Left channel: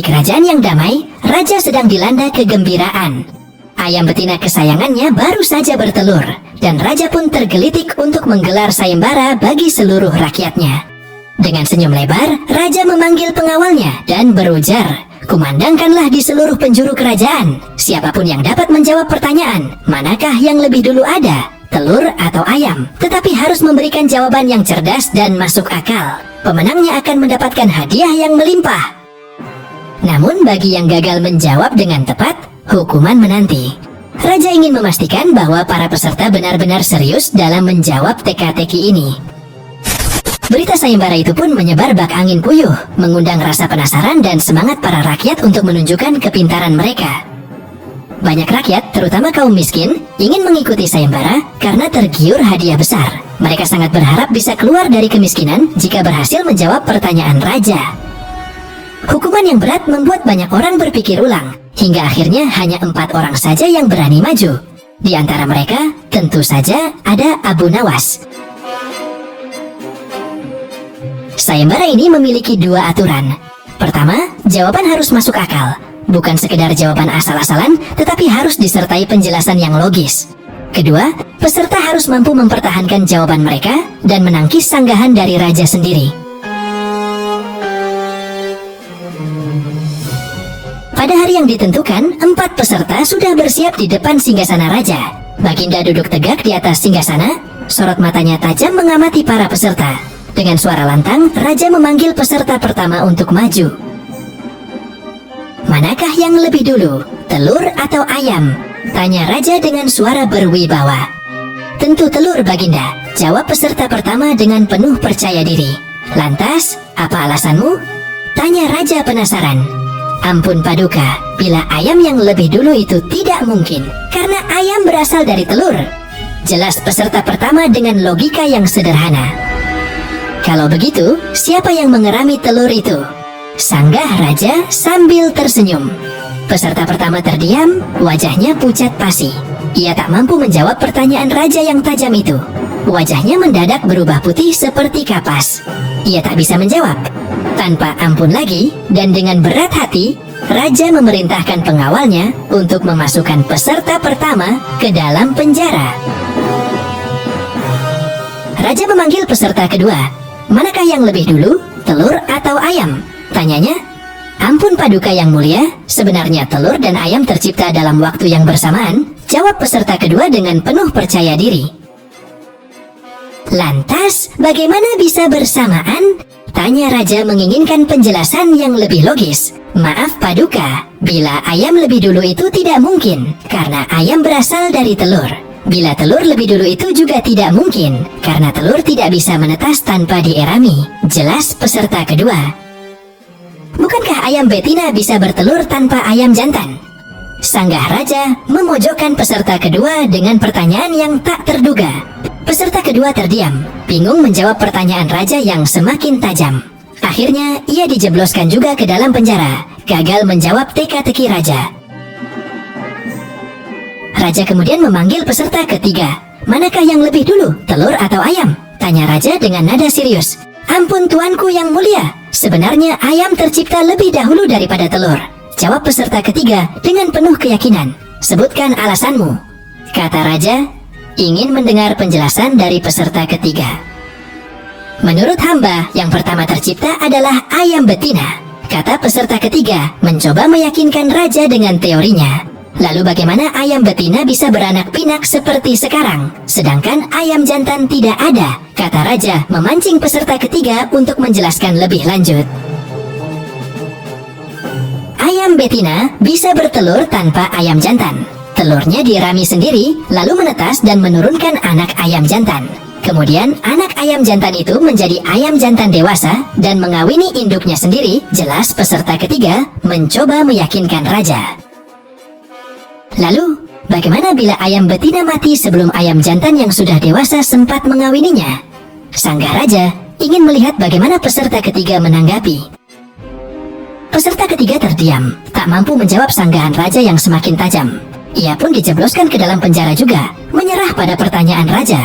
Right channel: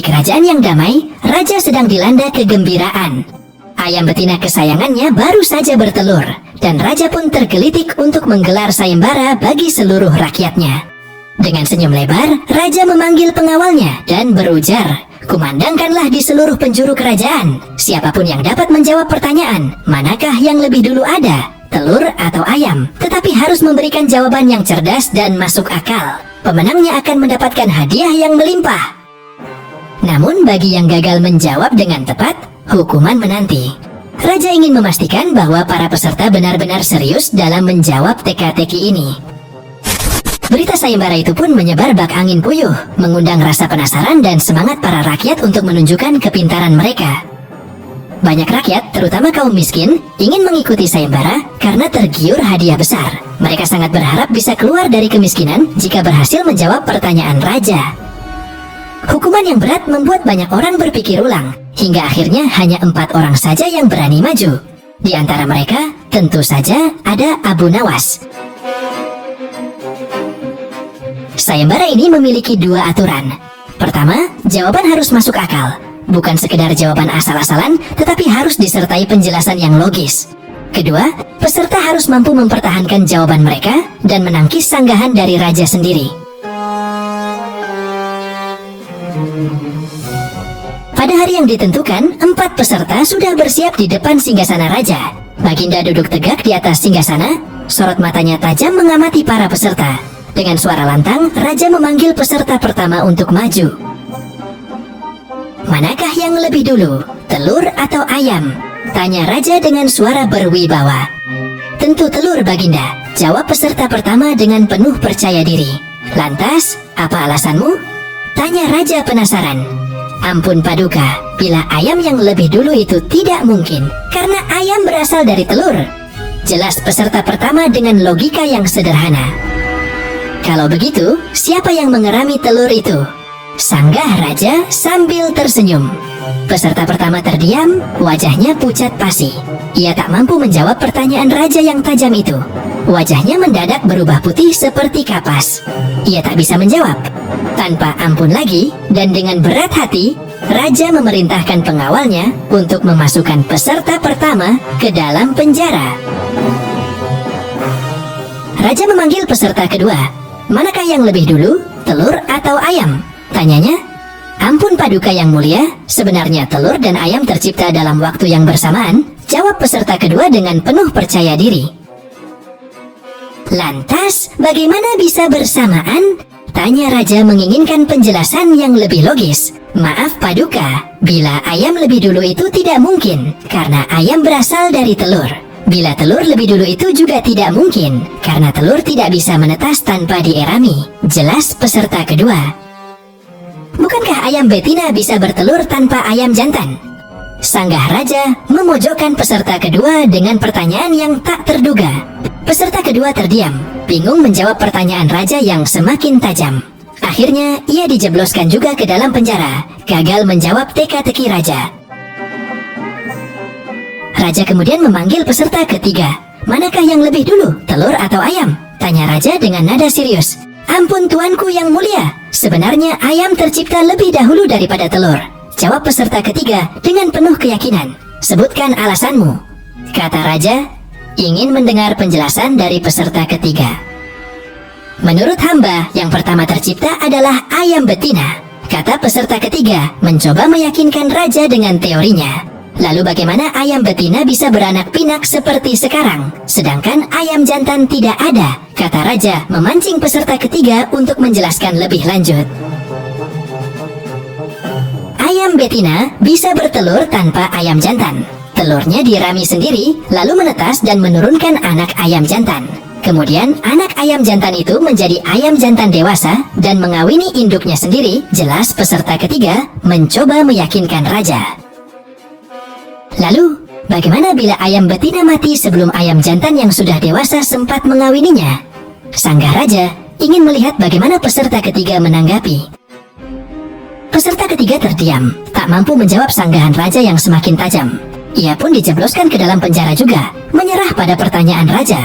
Di kerajaan yang damai, raja sedang dilanda kegembiraan. Ayam betina kesayangannya baru saja bertelur, dan raja pun tergelitik untuk menggelar sayembara bagi seluruh rakyatnya. Dengan senyum lebar, raja memanggil pengawalnya dan berujar, "Kumandangkanlah di seluruh penjuru kerajaan. Siapapun yang dapat menjawab pertanyaan, manakah yang lebih dulu ada, telur atau ayam? Tetapi harus memberikan jawaban yang cerdas dan masuk akal. Pemenangnya akan mendapatkan hadiah yang melimpah." Namun bagi yang gagal menjawab dengan tepat, hukuman menanti. Raja ingin memastikan bahwa para peserta benar-benar serius dalam menjawab teka-teki ini. Berita sayembara itu pun menyebar bak angin puyuh, mengundang rasa penasaran dan semangat para rakyat untuk menunjukkan kepintaran mereka. Banyak rakyat, terutama kaum miskin, ingin mengikuti sayembara karena tergiur hadiah besar. Mereka sangat berharap bisa keluar dari kemiskinan jika berhasil menjawab pertanyaan raja. Hukuman yang berat membuat banyak orang berpikir ulang, hingga akhirnya hanya 4 orang saja yang berani maju. Di antara mereka, tentu saja ada Abu Nawas. Sayembara ini memiliki 2 aturan. Pertama, jawaban harus masuk akal. Bukan sekedar jawaban asal-asalan, tetapi harus disertai penjelasan yang logis. Kedua, peserta harus mampu mempertahankan jawaban mereka dan menangkis sanggahan dari raja sendiri. Pada hari yang ditentukan, 4 peserta sudah bersiap di depan singgasana raja. Baginda duduk tegak di atas singgasana, sorot matanya tajam mengamati para peserta. Dengan suara lantang, raja memanggil peserta pertama untuk maju. "Manakah yang lebih dulu, telur atau ayam?" tanya raja dengan suara berwibawa. "Tentu telur, Baginda," jawab peserta pertama dengan penuh percaya diri. "Lantas, apa alasanmu?" tanya raja penasaran. "Ampun Paduka, bila ayam yang lebih dulu itu tidak mungkin, karena ayam berasal dari telur," jelas peserta pertama dengan logika yang sederhana. "Kalau begitu, siapa yang mengerami telur itu?" sanggah raja sambil tersenyum. Peserta pertama terdiam, wajahnya pucat pasi. Ia tak mampu menjawab pertanyaan raja yang tajam itu. Wajahnya mendadak berubah putih seperti kapas. Ia tak bisa menjawab. Tanpa ampun lagi, dan dengan berat hati, raja memerintahkan pengawalnya untuk memasukkan peserta pertama ke dalam penjara. Raja memanggil peserta kedua. "Manakah yang lebih dulu, telur atau ayam?" tanyanya. "Ampun Paduka yang mulia, sebenarnya telur dan ayam tercipta dalam waktu yang bersamaan," jawab peserta kedua dengan penuh percaya diri. "Lantas, bagaimana bisa bersamaan?" tanya raja menginginkan penjelasan yang lebih logis. "Maaf Paduka, bila ayam lebih dulu itu tidak mungkin, karena ayam berasal dari telur. Bila telur lebih dulu itu juga tidak mungkin, karena telur tidak bisa menetas tanpa dierami," jelas peserta kedua. "Bukankah ayam betina bisa bertelur tanpa ayam jantan?" sanggah raja memojokkan peserta kedua dengan pertanyaan yang tak terduga. Peserta kedua terdiam, bingung menjawab pertanyaan raja yang semakin tajam. Akhirnya ia dijebloskan juga ke dalam penjara, gagal menjawab teka-teki raja. Raja kemudian memanggil peserta ketiga. "Manakah yang lebih dulu, telur atau ayam?" tanya raja dengan nada serius. "Ampun tuanku yang mulia, sebenarnya ayam tercipta lebih dahulu daripada telur," jawab peserta ketiga dengan penuh keyakinan. "Sebutkan alasanmu," kata raja, ingin mendengar penjelasan dari peserta ketiga. "Menurut hamba, yang pertama tercipta adalah ayam betina," kata peserta ketiga, mencoba meyakinkan raja dengan teorinya. "Lalu bagaimana ayam betina bisa beranak pinak seperti sekarang, sedangkan ayam jantan tidak ada?" kata raja, memancing peserta ketiga untuk menjelaskan lebih lanjut. Ayam betina bisa bertelur tanpa ayam jantan. Telurnya dirami sendiri, lalu menetas dan menurunkan anak ayam jantan. Kemudian anak ayam jantan itu menjadi ayam jantan dewasa dan mengawini induknya sendiri, jelas peserta ketiga mencoba meyakinkan raja. "Lalu, bagaimana bila ayam betina mati sebelum ayam jantan yang sudah dewasa sempat mengawininya?" sanggah raja, ingin melihat bagaimana peserta ketiga menanggapi. Peserta ketiga terdiam, tak mampu menjawab sanggahan raja yang semakin tajam. Ia pun dijebloskan ke dalam penjara juga, menyerah pada pertanyaan raja.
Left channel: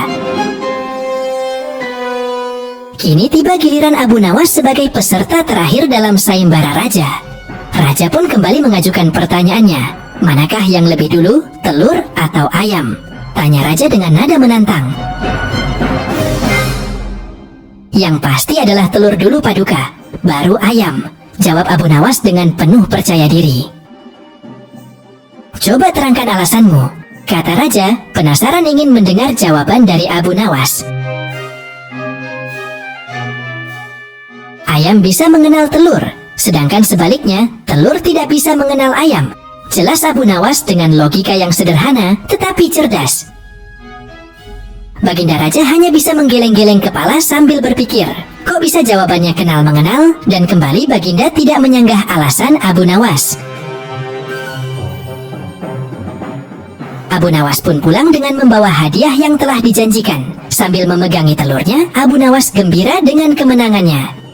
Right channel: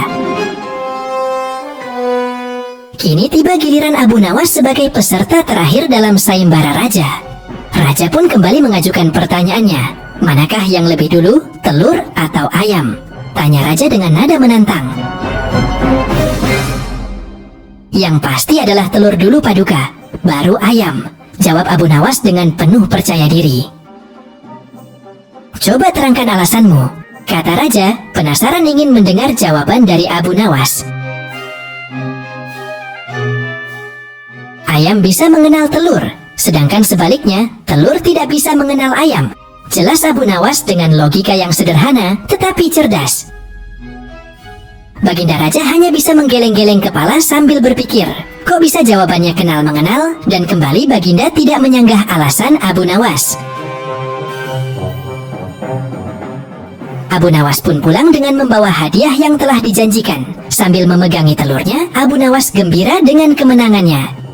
Kini tiba giliran Abu Nawas sebagai peserta terakhir dalam sayembara raja. Raja pun kembali mengajukan pertanyaannya. Manakah yang lebih dulu, telur atau ayam? Tanya raja dengan nada menantang. Yang pasti adalah telur dulu Paduka, baru ayam, jawab Abu Nawas dengan penuh percaya diri. Coba terangkan alasanmu, kata raja, penasaran ingin mendengar jawaban dari Abu Nawas. Ayam bisa mengenal telur, sedangkan sebaliknya, telur tidak bisa mengenal ayam. Jelas Abu Nawas dengan logika yang sederhana, tetapi cerdas. Baginda Raja hanya bisa menggeleng-geleng kepala sambil berpikir, kok bisa jawabannya kenal-mengenal, dan kembali Baginda tidak menyanggah alasan Abu Nawas. Abu Nawas pun pulang dengan membawa hadiah yang telah dijanjikan. Sambil memegangi telurnya, Abu Nawas gembira dengan kemenangannya.